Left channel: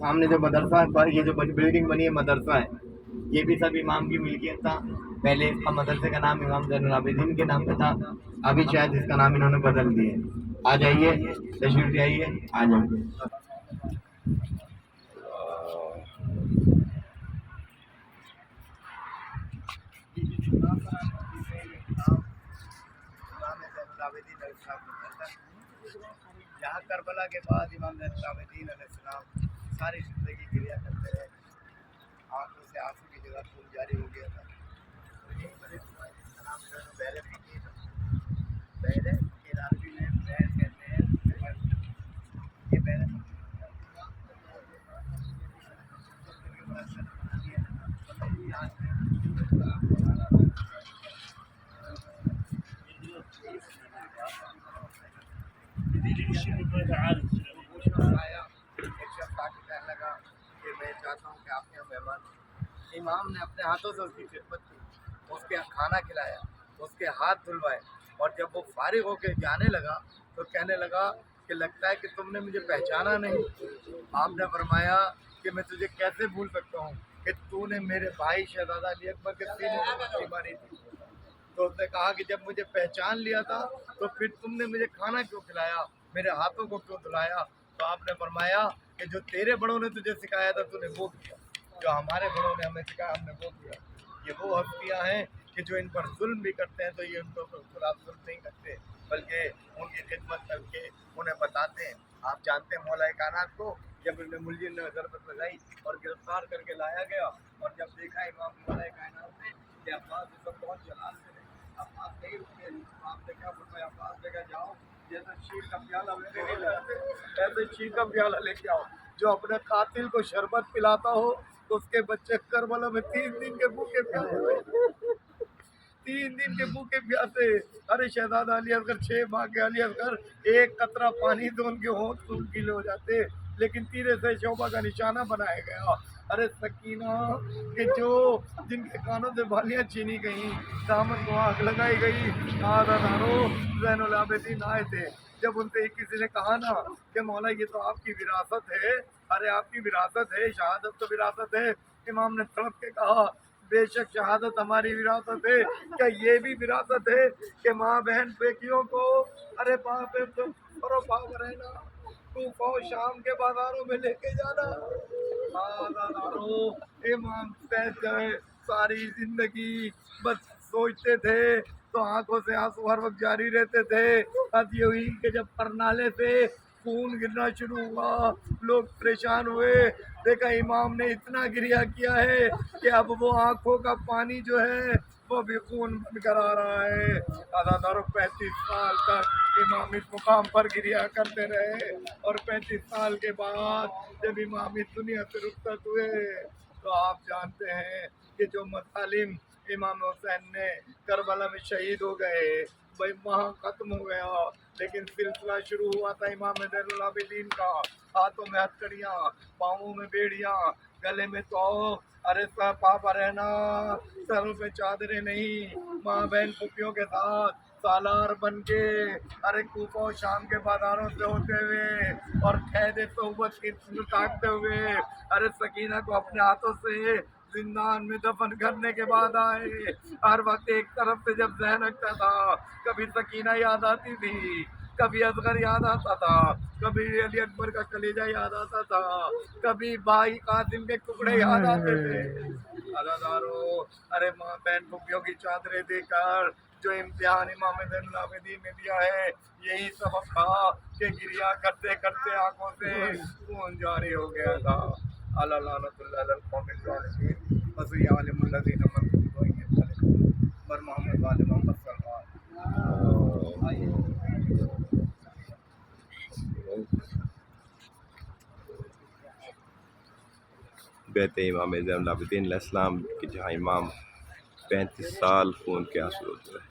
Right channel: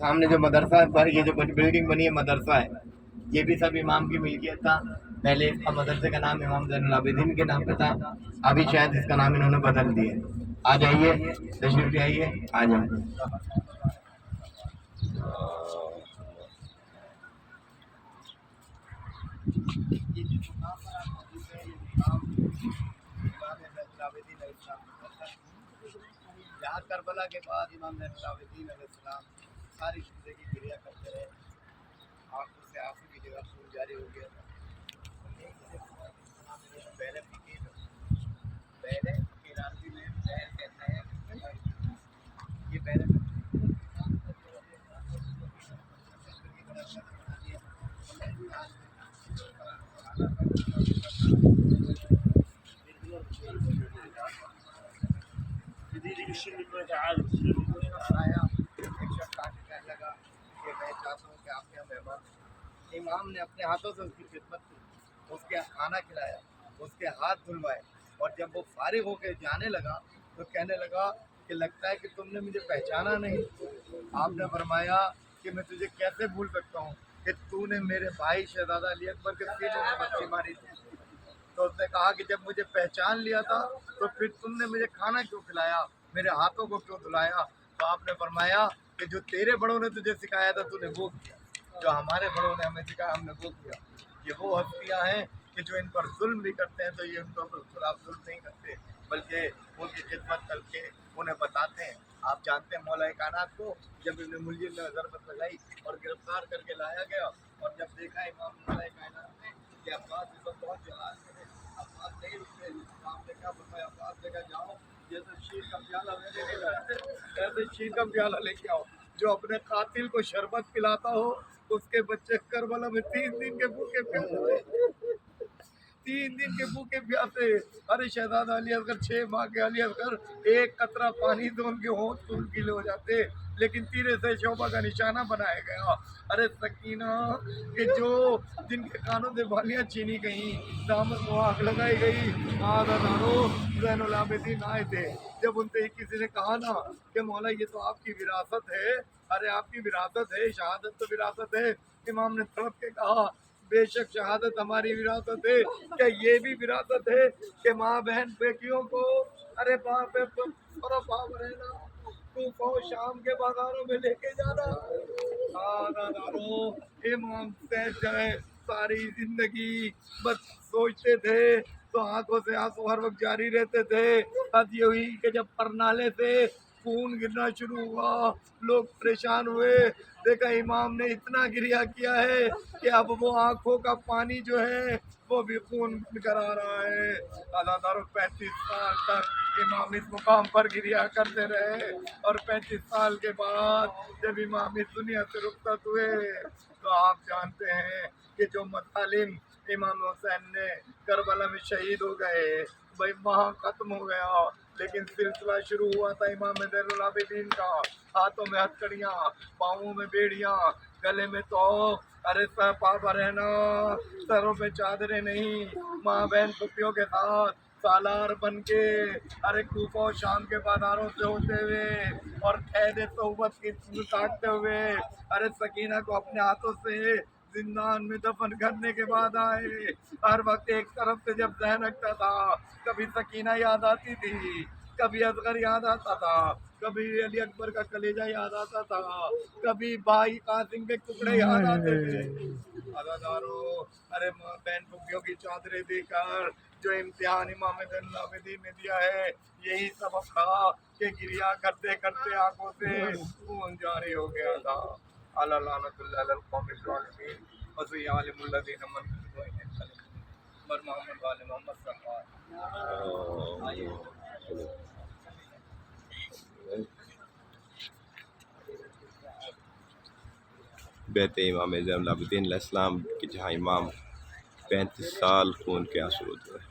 सामने जो मदरसा है, ये जो बिल्डिंग बनी है मदरसा है, ये भी सब इमाम की मिल्कियत था। पहले इसका मदरसे का नाम इमाम ज़ैनुल आबिदीन के नाम पे था, अभी शायद इसका नाम इन्होंने बदल दिया। आ जाइए, तशरीफ ले आइए, आ जाइए। यहाँ करबला के बाद इमाम ज़ैनुल आबिदीन अलैहिस्सलाम सारी ज़िंदगी गिरिया करते रहे, आंखों से आंसू की जगह खून जारी हो गया था। और यही वजह हुआ है जिसका नाम इन्होंने बहरे फ़कीर, बहरे फ़कीर अरबी में बहर कहते हैं, ये बहरे आया। एक शख्स आके कहने लगा कि मैं चाहता हूँ कि आपके यहाँ मेहमान। इमाम ने अपने हाथों से उसकी खिदमत की, उसके खाना खिलाया, उसके हाथ धुलवाए, और जब वो फारिग होकर जाने लगा तो कहने लगा कि लगता है कि तुमने मुझे पहचाना नहीं। आपने फरमाया कि मैं तुझे कैसे भूल सकता हूँ कि तूने मेरे भाई शहजादा अली अकबर के सीने में बत्ती मारी थी। तो उसने कहा कि जब मुझे पहचान लिया था तो फिर तुमने मुझे खाना क्यों खिलाया, मेरे हाथों को क्यों धुलाया। तो आपने फरमाया कि जो तेरे बड़ों ने तुझे सिखाया था तूने वो किया, जो हमारे बड़ों ने हमें सिखाया हमने वो किया। ये वो हस्तियाँ हैं कि जो इन पर जुल्म भी करते हैं तो ये उनको खिलाफ जुल्म नहीं करते, बल्कि उनकी खिदमत करके उन्हें बताते हैं। आप जानते हैं मौला कायनात को जब इब्न मुलजिम ने ज़रबत लगाई और गिरफ्तार करके लाया गया, और जब देखा इमाम मौला कायनात ने कि अब्बास इस वक्त बहुत जलाल में है, अब्बास नहीं रुके, तो आपने क्या फरमाया, अब्बास ने कहा जाओ जैसे शीर का प्याला मैंने नहीं लाया ऐसे शीर का प्याला लेके आओ। जो अपने कातिल को शरबत पिलाता हो उसके बच्चे करबला में 3 दिन के भूखे प्यासे हुए, 3 दिन के भूखे प्यासे। अरे शहजादा अली असगर 6 माह के अली असगर एक कतरा पानी तो उनके होंठ फूल गीले हो जाते, लेकिन तीरे से शोभा का निशाना बनाया गया। अरे सकीना कि जो जिनके कानों से बालियां छीनी गई, दामन को आग लगाई गई, आदादारो ज़ैनुल आबिदीन आए थे। जब उनसे किसी ने कहा ना कि मौला ये तो आपकी विरासत है, अरे आपकी विरासत है, शहादत तो विरासत है। इमाम ने तड़प के कहा बेशक शहादत हमारी विरासत है, क्या ये भी विरासत है कि माँ बहन बेटियों को अरे बाप रहना कूफा और शाम के बाजारों में लेके जाना। इमाम सारी जिंदगी बस सोचते थे तो आंखों से आंसू हर वक्त जारी रहते थे। अब ये हुई कि जब परनाले से खून गिरना शुरू हुआ, लोग परेशान हुए, देखा इमाम ने इतना गिरिया किया है कि अब वो आंखों का पानी जो है वो भी खून बन कर आ रहा है। अदादारों 35 साल तक इमाम इस मुकाम पर गिरिया करते रहे, और 35 साल के बाद जब इमाम इस दुनिया से रुखसत हुए तो आप जानते हैं कि जो मतालिम इमाम हुसैन ने करबला में शहीद हो गए भाई वहाँ ख़त्म हो गया, लेकिन सिलसिला शुरू हुआ था इमाम ज़ैनुल आबिदीन का। हाथों में हथकड़ियाँ, पाँवों में बेड़ियाँ, गले में तो अरे सर पापा रहना, सरों पे चादरें नहीं, माँ बहन पुपियों के साथ सालार बन के अरे कूफा और शाम के बाजारों से होते हुए और कैद तौबत की काटते हुए अरे सकीना को अपने हाथों से जिंदान में दफन करने के बाद आए। हर वक्त एक तरफ से जब जहन हटता था कभी सकीना याद आती थी, कभी असगर याद आता था, कभी अली अकबर का कलेजा याद आता था, कभी भाई कासिम के टुकड़े याद आते थे। अदादारों अरे माँ बहन पुपियों की चादरें देकर जो इम्तिहान इमाम ज़ैनुल आबिदीन ने दिया है यही सबक था कि गिरिया करते करते आंखों से खून जारी हो गया था। अला लानतुल्लाह अलल कौमिल ज़ालिमीन वज़िया अलिमुल लज़ीना मन बर मोहम्मद वाले मोहम्मद सल्लल्लाहु अलैहि वसल्लम। बैत इमाम ज़ैनुल आबिदीन अलैहिस्सलाम कि जहाँ इमाम 35 साल खून के आंसू रोते रहे।